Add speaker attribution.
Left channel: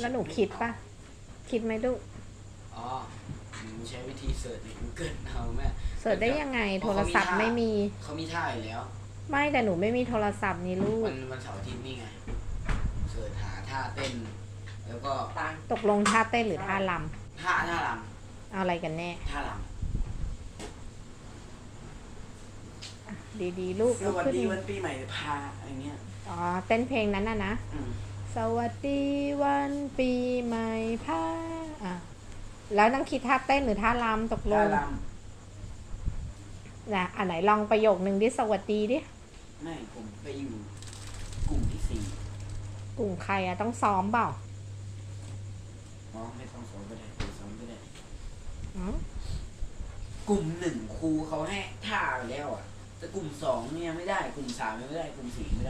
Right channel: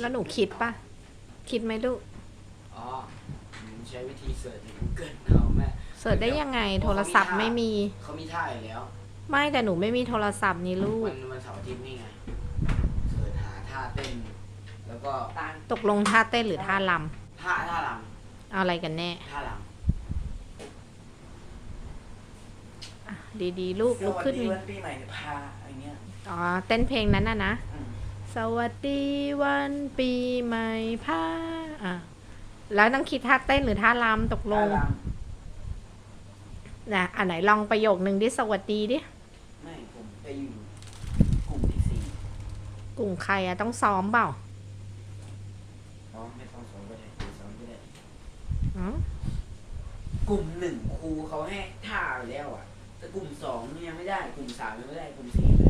Speaker 1: แล้วหนูคิดปะคิดไหมลูก
Speaker 2: อ๋อหนูใช้วิธีเสิร์ชใน Google เอาแม่
Speaker 1: เสิร์ชได้ยังไงโทรศัพท์ไม่มี
Speaker 2: เขามีท่าอยู่แล้ว
Speaker 1: ไม่แต่หนูไม่มีโทรศัพท์นี่ลูก
Speaker 2: วันวันเสาร์อาทิตย์นี่ไง เสิร์ชหาท่าเต้น แล้วก็
Speaker 3: ตัง
Speaker 1: ตกลงท่าเต้นหรือท่าล
Speaker 2: ท่าท่าลำ
Speaker 1: เอาอะไรกันแน่ำ
Speaker 2: ท่าล
Speaker 1: ดีๆ ลูกำ
Speaker 3: ส
Speaker 1: ลุก
Speaker 3: วัส
Speaker 1: ขึ้น
Speaker 3: ดีวันปีใหม่พาอะไรเงี้ย
Speaker 1: อ๋อ เต้นเพลงนั้นน่ะนะ
Speaker 3: อืม
Speaker 1: สวัสดีวันปีใหม่พาอะแล้วต้องคิดท่าเต้นหรือท่ารำตกล
Speaker 3: ท่างล
Speaker 1: นะอันไหนลองประโยคนึงดิสวัสดีดิำ
Speaker 3: ไม่ผมไปอยู่กลุ่มที่สี่
Speaker 1: กลุ่มใครอะต้องซ้อมเปล่า
Speaker 3: อ๋อไม่ต้องสอนก็ได้ไม่สอนก็ได้
Speaker 1: อ๋อก
Speaker 3: ลุ่มหนึ่งครูเขาให้ท่าไปแล้วอะแต่กลุ่มสองเนี่ยยังไม่ได้ กลุ่มสามยังไม่ได้ กลุ่มสี่ไม่ได้